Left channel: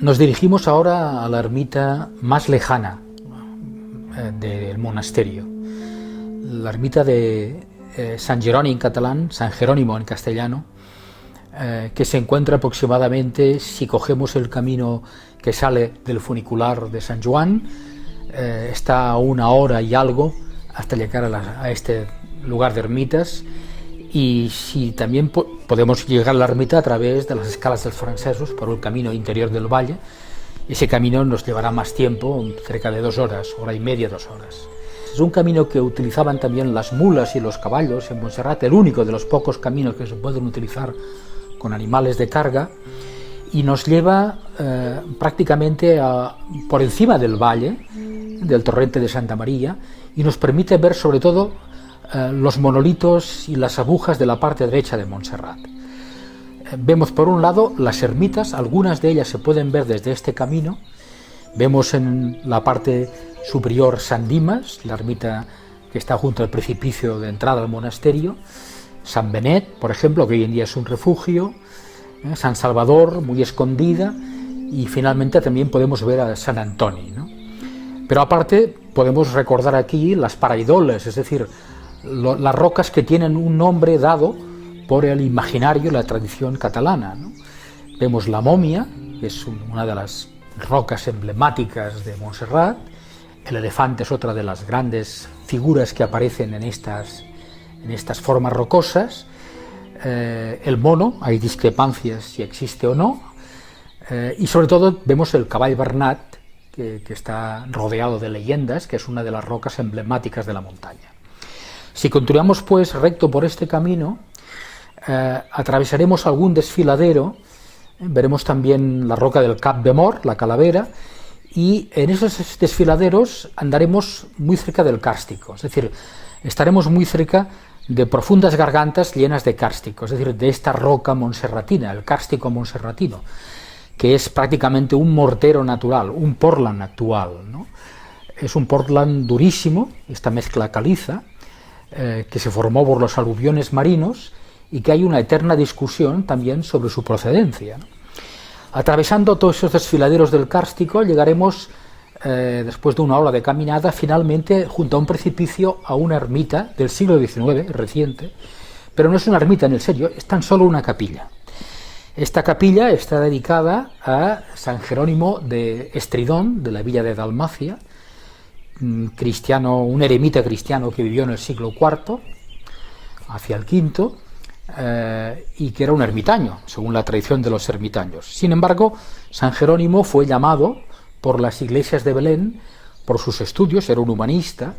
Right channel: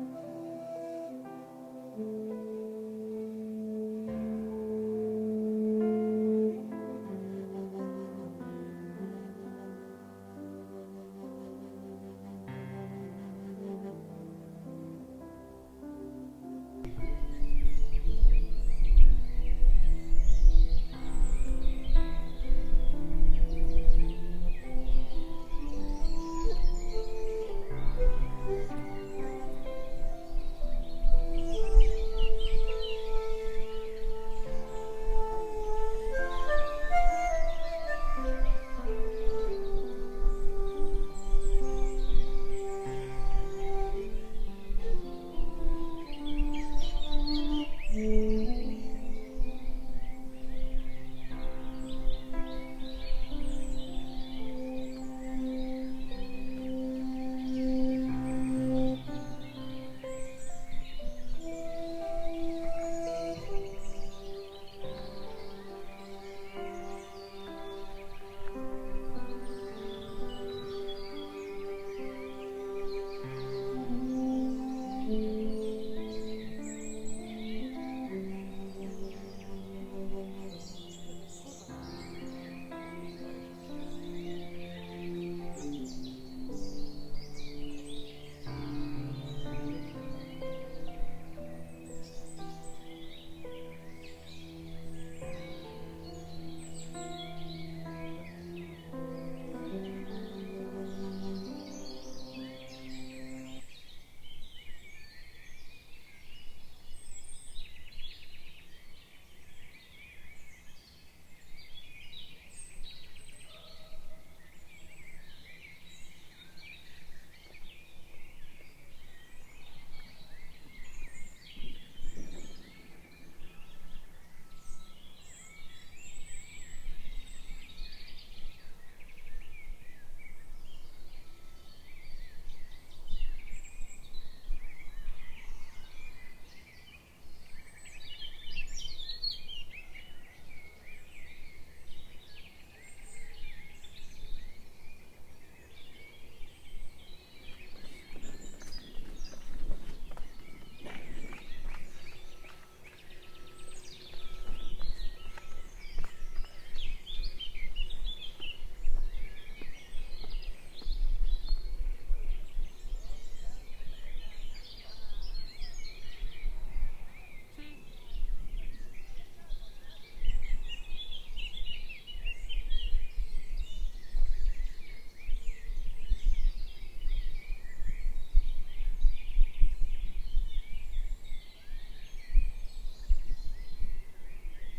Nos dirigimos ahora a la ermita más lejana del monasterio, la ermita de San Jeroni en catalán, San Jerónimo en castellano, que se encuentra aproximadamente, si cogemos el camino que sale del funicular de San Juan, está a 1 hora y algo hasta llegar a este lugar de ermitas. Y si también podemos llegar a la ermita a través de las escalas dels francesos por el camino interior del valle. Ese camino nos llevará más tiempo, cerca de 2 horas, 1 hora y media, 2 horas. Es un camino que utilizaban también las mulas y los caballos en Montserrat, el único de los pocos caminos que se pueden utilizar con animales de carga, y nos lleva prácticamente por encima del valle, del torrente de Santa María, y nos permite ver sobre todo los monolitos y las agujas de la parte derecha de Montserrat. Vemos por un lado las ermitas, algunas de ellas se pueden ver desde este camino. Vemos en la parte superior San Dimas, la ermita que está junto al precipicio de entrada al monasterio, San Benet, por ejemplo, que hoy en día es un refugio, San Salvador, muy escondida, y finalmente también podemos ver a San Antoni, ¿no? Pero aparte podemos recordar aquí las paraidoles, es decir, las rocas que tienen un nombre dado por el imaginario y la tradición catalana, ¿no? Vemos la momia, que es una de las rocas emblemáticas de Montserrat. El elefante es otra de las grandes figuras que aparecen en estas formas rocosas. El mono, hay discrepancias si existe o no, y sobre todo vemos el cavall Bernat, que está rodeado de leyendas, que es una de las rocas emblemáticas de la montaña. Si continuamos pues recto por este camino, atravesaremos algún desfiladero, veremos también la roca del Cap de Mort, la calavera, y en esos desfiladeros andaremos muy cerca del cárstico, es decir, estaremos muy cerca de profundas gargantas llenas de cárstico, es decir, de esta roca monserratina, el cárstico monserratino, que es prácticamente un mortero natural, un portland actual, ¿no? Es un portland durísimo, esta mezcla caliza, que se formó por los aluviones marinos y que hay una eterna discusión también sobre su procedencia, ¿no? Atravesando todos esos desfiladeros del cárstico llegaremos, después de 1 hora de caminada, finalmente junto a un precipicio a una ermita del siglo XIX, reciente, pero no es una ermita en el serio, es tan solo una capilla. Esta capilla está dedicada a San Jerónimo de Estridón, de la villa de Dalmacia, cristiano, un eremita cristiano que vivió en el siglo IV, hacia el V, y que era un ermitaño, según la tradición de los ermitaños. Sin embargo, San Jerónimo fue llamado por las iglesias de Belén, por sus estudios, era un humanista,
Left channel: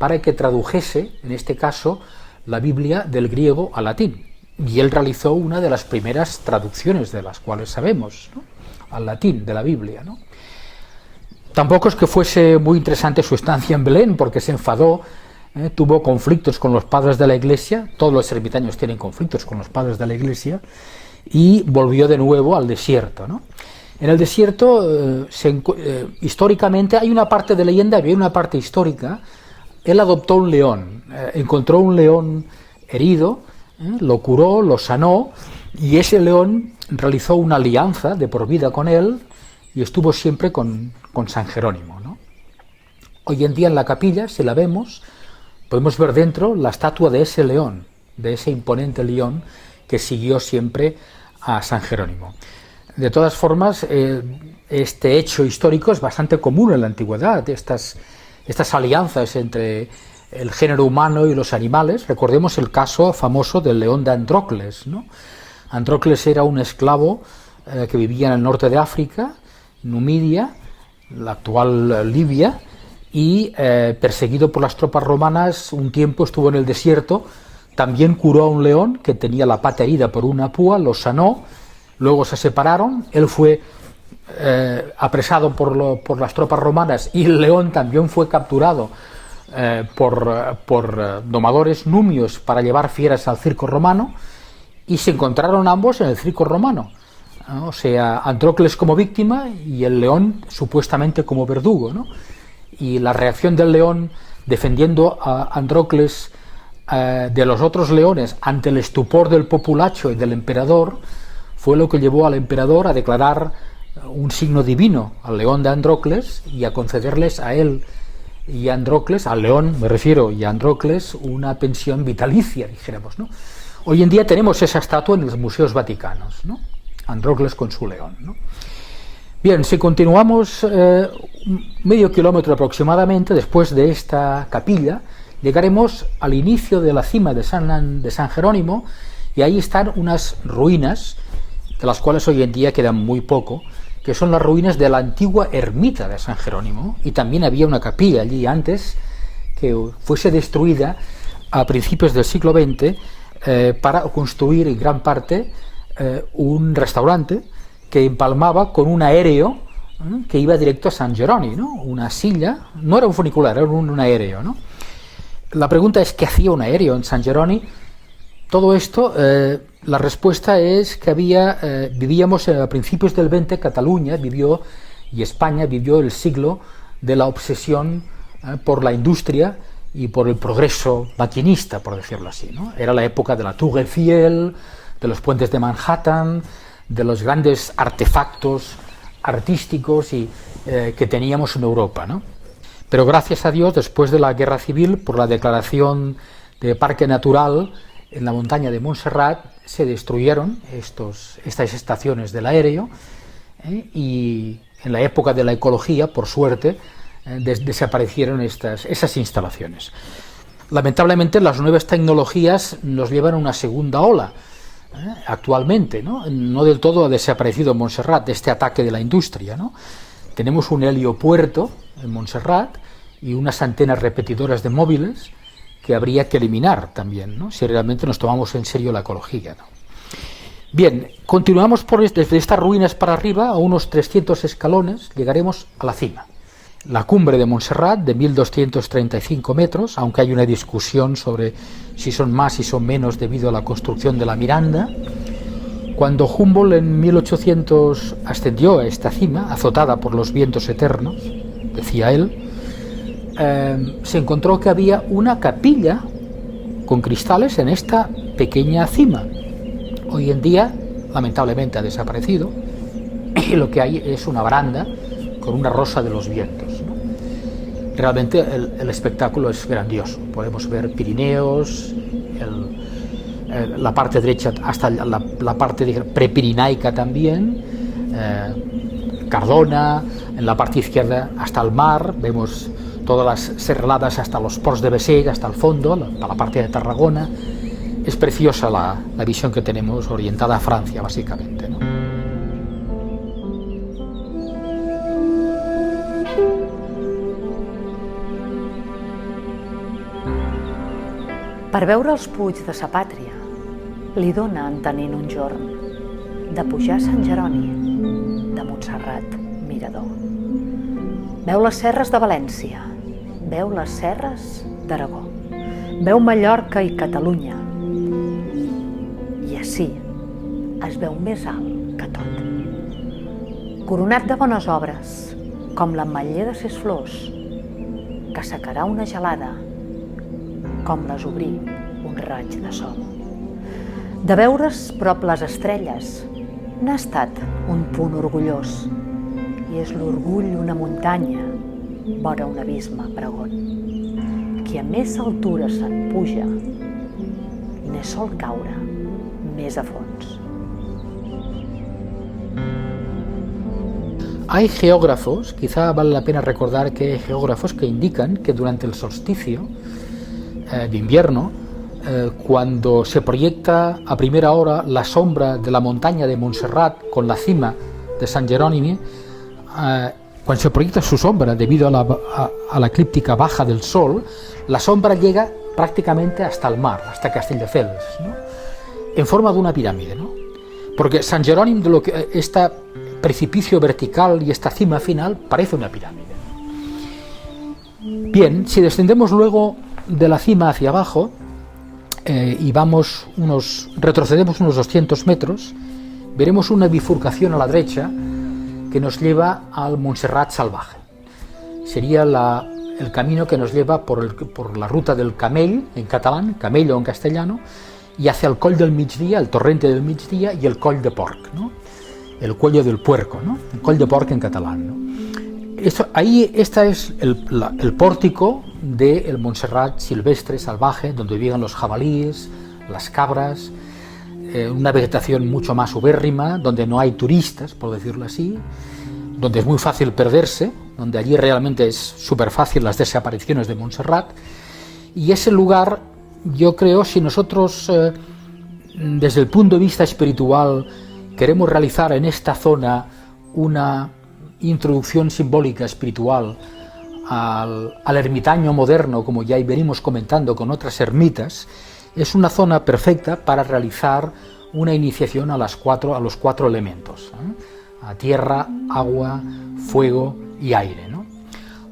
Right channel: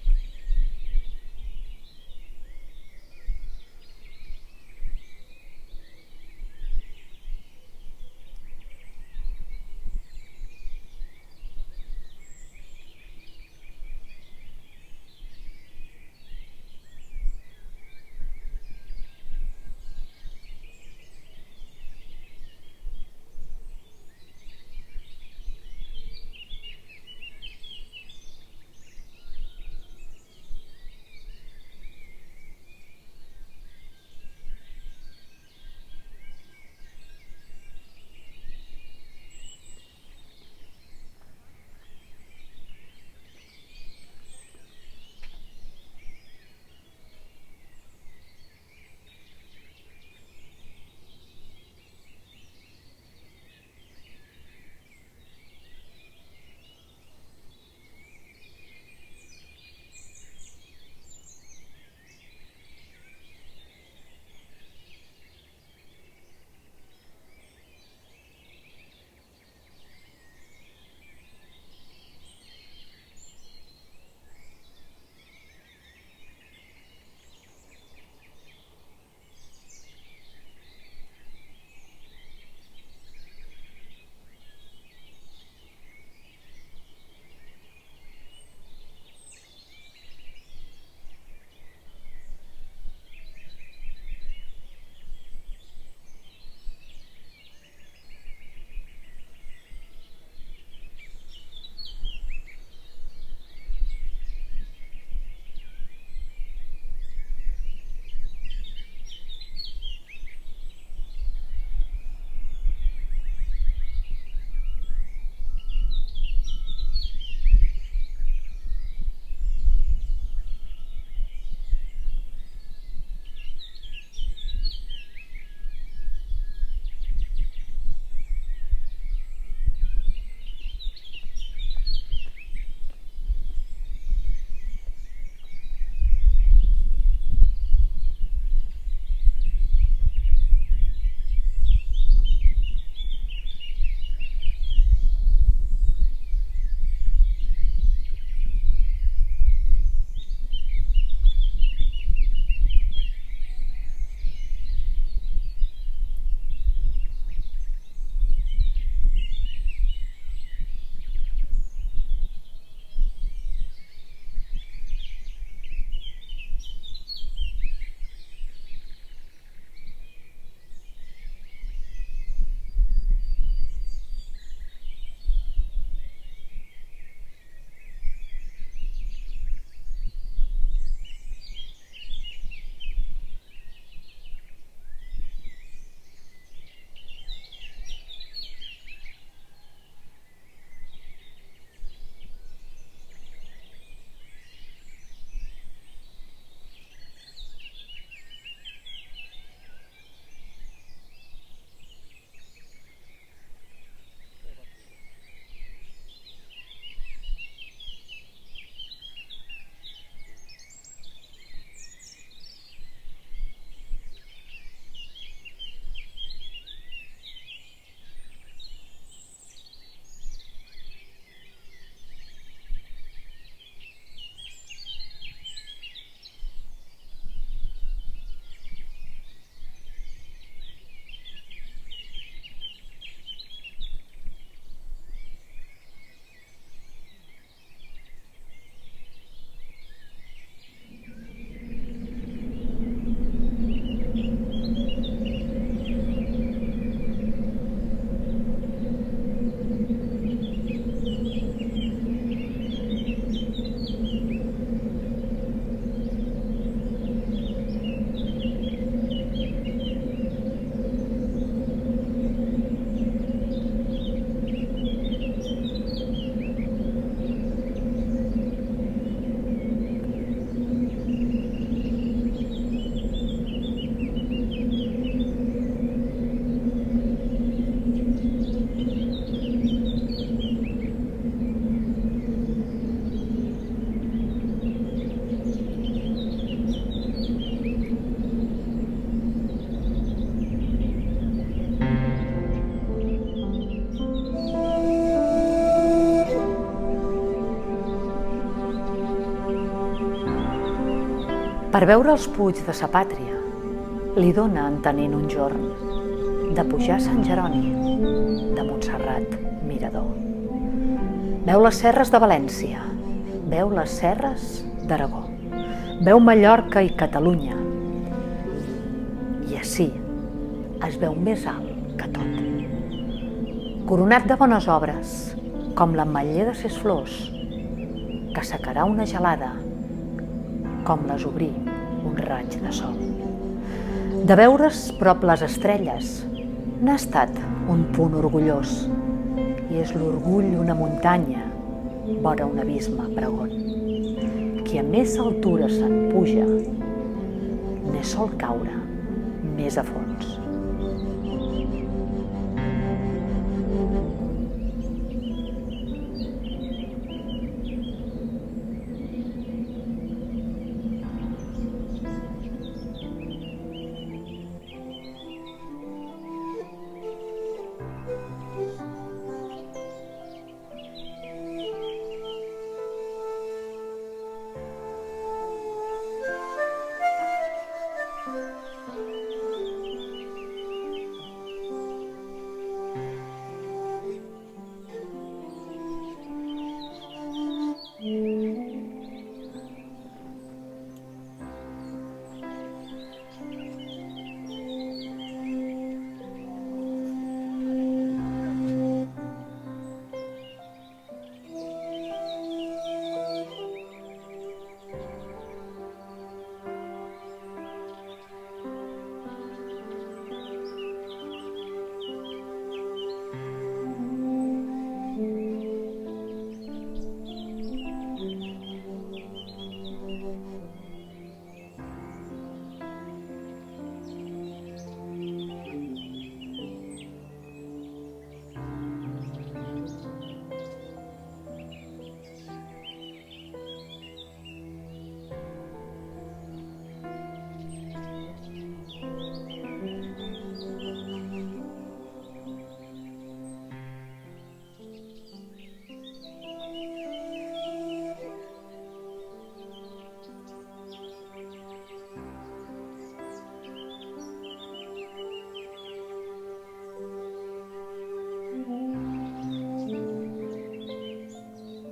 para que tradujese, en este caso, la Biblia del griego al latín. Y él realizó una de las primeras traducciones de las cuales sabemos, ¿no?, al latín de la Biblia, ¿no? Tampoco es que fuese muy interesante su estancia en Belén, porque se enfadó, tuvo conflictos con los padres de la Iglesia, todos los ermitaños tienen conflictos con los padres de la Iglesia, y volvió de nuevo al desierto, ¿no? En el desierto, históricamente, hay una parte de leyenda y hay una parte histórica. Él adoptó un león, encontró un león herido, lo curó, lo sanó, y ese león realizó una alianza de por vida con él y estuvo siempre con San Jerónimo, ¿no? Hoy en día en la capilla, si la vemos, podemos ver dentro la estatua de ese león, de ese imponente león que siguió siempre a San Jerónimo. De todas formas, este hecho histórico es bastante común en la antigüedad, estas alianzas entre el género humano y los animales. Recordemos el caso famoso del león de Andrócles, ¿no? Andrócles era un esclavo que vivía en el norte de África, Numidia, la actual Libia, y perseguido por las tropas romanas, un tiempo estuvo en el desierto también curó a un león que tenía la pata herida por una púa, lo sanó, luego se separaron, él fue apresado por las tropas romanas y el león también fue capturado por domadores numios para llevar fieras al circo romano, y se encontraron ambos en el circo romano, ¿no? O sea, Andrócles como víctima y el león supuestamente como verdugo, ¿no? Y la reacción del león defendiendo a Andrócles de los otros leones ante el estupor del populacho y del emperador fue lo que llevó al emperador a declarar un signo divino al león de Andrócles y a concederles a él y a Andrócles, al león me refiero, y a Andrócles, una pensión vitalicia, dijéramos, ¿no? Hoy en día tenemos esa estatua en los museos vaticanos, ¿no? Andrócles con su león, ¿no? Bien, si continuamos medio kilómetro aproximadamente después de esta capilla, llegaremos al inicio de la cima de San Jerónimo, y ahí están unas ruinas, de las cuales hoy en día quedan muy poco, que son las ruinas de la antigua ermita de San Jerónimo, y también había una capilla allí antes que fuese destruida a principios del siglo XX para construir en gran parte un restaurante que empalmaba con un aéreo que iba directo a San Jerónimo, ¿no? Una silla, no era un funicular, era un aéreo, ¿no? La pregunta es, ¿qué hacía un aéreo en San Jerónimo? Todo esto, la respuesta es que vivíamos a principios del XX, Cataluña vivió, y España vivió el siglo de la obsesión por la industria y por el progreso maquinista, por decirlo así, ¿no? Era la época de la Tour Eiffel, de los puentes de Manhattan, de los grandes artefactos artísticos que teníamos en Europa, ¿no? Pero gracias a Dios, después de la Guerra Civil, por la declaración de Parque Natural en la montaña de Montserrat, se destruyeron estas estaciones del aéreo, y en la época de la ecología, por suerte, desaparecieron esas instalaciones. Lamentablemente, las nuevas tecnologías nos llevan a una segunda ola. Actualmente, no del todo ha desaparecido Montserrat, este ataque de la industria, ¿no? Tenemos un heliopuerto en Montserrat y unas antenas repetidoras de móviles que habría que eliminar también, ¿no? Si realmente nos tomamos en serio la ecología, ¿no? Bien, continuamos desde estas ruinas para arriba, a unos 300 escalones, llegaremos a la cima. La cumbre de Montserrat, de 1.235 metros, aunque hay una discusión sobre si son más y son menos debido a la construcción de la Miranda. Cuando Humboldt en 1800 ascendió a esta cima, azotada por los vientos eternos, decía él, se encontró que había una capilla con cristales en esta pequeña cima. Hoy en día, lamentablemente, ha desaparecido, y lo que hay es una baranda con una rosa de los vientos. Realmente el espectáculo es grandioso. Podemos ver Pirineos, la parte derecha hasta la parte prepirinaica también, Cardona, en la parte izquierda hasta el mar, vemos todas las serraladas hasta los Ports de Bessèges, hasta el fondo, la parte de Tarragona. Es preciosa la visión que tenemos, orientada a Francia, básicamente, ¿no? Per veure els Puig de sa pàtria, li dóna entenent un jorn de pujar a Sant Jeroni, de Montserrat, mirador. Veu les serres de València, veu les serres d'Aragó, veu Mallorca i Catalunya, i ací es veu més alt que tot. Coronat de bones obres, com l'ametller de ses flors, que secarà una gelada, com les obrir un raig de sol. De veure's prop les estrelles, n'ha estat un punt orgullós, i és l'orgull una muntanya, vora un abisme pregon. Qui a més altura se'n puja, ne sol caure més a fons. Hay geógrafos, quizá vale la pena recordar que hay geógrafos que indican que durante el solsticio de invierno, cuando se proyecta a primera hora la sombra de la montaña de Montserrat con la cima de San Jerónimo, cuando se proyecta su sombra debido a la eclíptica baja del sol, la sombra llega prácticamente hasta el mar, hasta Castelldefels, ¿no? En forma de una pirámide, ¿no? Porque San Jerónimo, de lo que este precipicio vertical y esta cima final, parece una pirámide. Bien, si descendemos luego de la cima hacia abajo y retrocedemos unos 200 metros, veremos una bifurcación a la derecha que nos lleva al Montserrat salvaje. Sería el camino que nos lleva por la ruta del Camell, en catalán, Camello en castellano, y hacia el Coll del Migdia, el torrente del Migdia, y el Coll de Porc, ¿no? El cuello del puerco, ¿no? El Coll de Porc en catalán, ¿no? Este es el pórtico del Montserrat silvestre, salvaje, donde viven los jabalíes, las cabras, una vegetación mucho más ubérrima, donde no hay turistas, por decirlo así, donde es muy fácil perderse, donde allí realmente es súper fácil las desapariciones de Montserrat, y ese lugar, yo creo, si nosotros desde el punto de vista espiritual queremos realizar en esta zona una introducción simbólica espiritual al ermitaño moderno, como ya venimos comentando con otras ermitas, es una zona perfecta para realizar una iniciación a los cuatro elementos, ¿eh? A tierra, agua, fuego y aire, ¿no?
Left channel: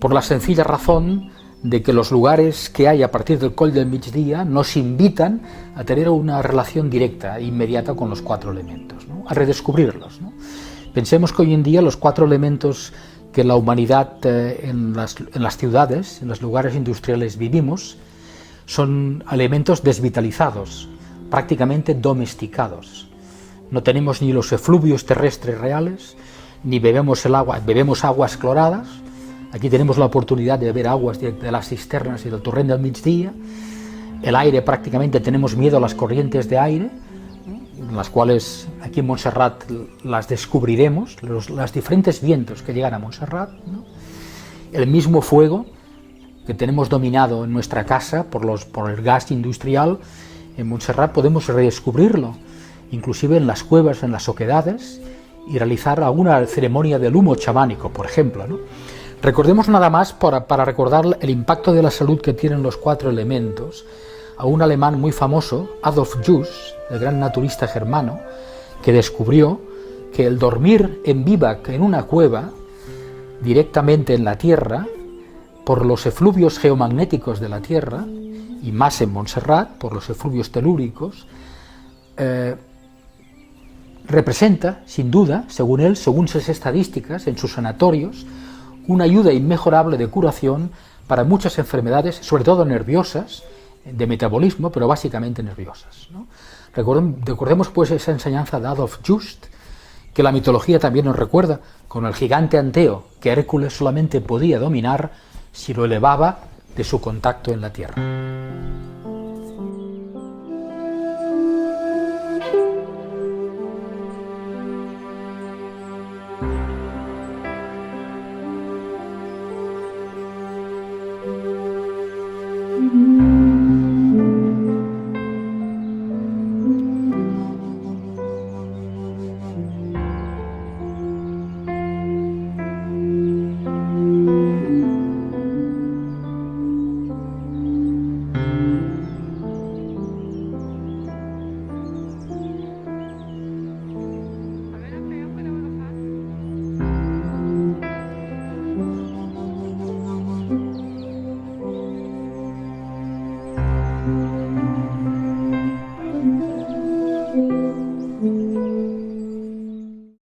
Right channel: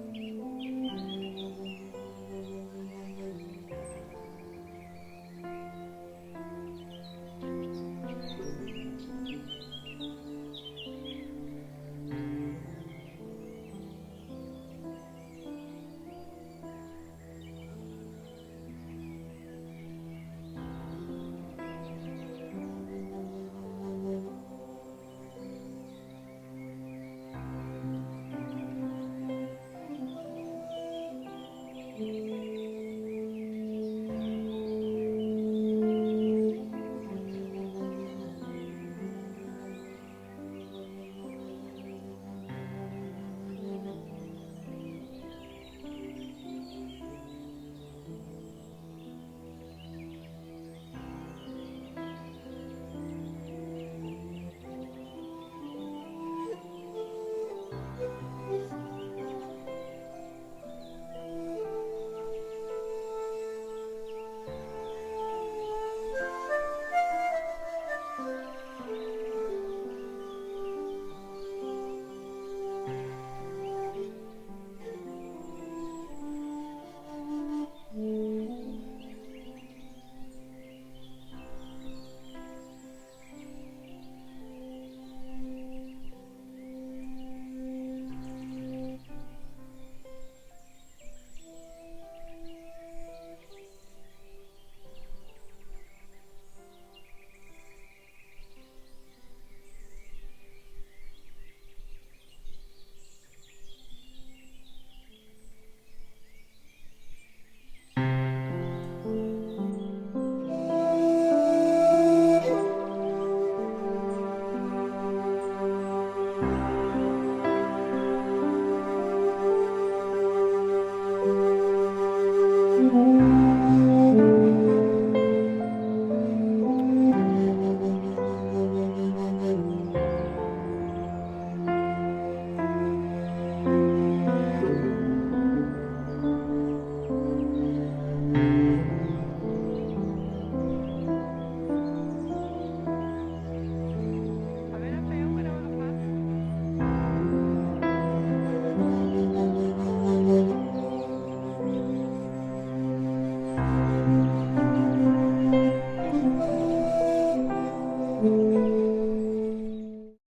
Por la sencilla razón de que los lugares que hay a partir del Coll del Migdia nos invitan a tener una relación directa e inmediata con los cuatro elementos, ¿no? A redescubrirlos, ¿no? Pensemos que hoy en día los cuatro elementos que la humanidad en las ciudades, en los lugares industriales vivimos, son elementos desvitalizados, prácticamente domesticados. No tenemos ni los efluvios terrestres reales, ni bebemos aguas cloradas. Aquí tenemos la oportunidad de beber aguas de las cisternas y del torrent del Migdia. El aire, prácticamente tenemos miedo a las corrientes de aire, las cuales aquí en Montserrat las descubriremos, los diferentes vientos que llegan a Montserrat, ¿no? El mismo fuego que tenemos dominado en nuestra casa por el gas industrial, en Montserrat podemos redescubrirlo, inclusive en las cuevas, en las oquedades, y realizar alguna ceremonia del humo chamánico, por ejemplo, ¿no? Recordemos nada más, para recordar el impacto de la salud que tienen los cuatro elementos, a un alemán muy famoso, Adolf Juss, el gran naturista germano, que descubrió que el dormir en vivac en una cueva, directamente en la tierra, por los efluvios geomagnéticos de la Tierra, y más en Montserrat, por los efluvios telúricos, representa, sin duda, según él, según sus estadísticas, en sus sanatorios, una ayuda inmejorable de curación para muchas enfermedades, sobre todo nerviosas, de metabolismo, pero básicamente nerviosas, ¿no? Recordemos pues esa enseñanza de Adolf Just, que la mitología también nos recuerda, con el gigante Anteo, que Hércules solamente podía dominar si lo elevaba de su contacto en la tierra.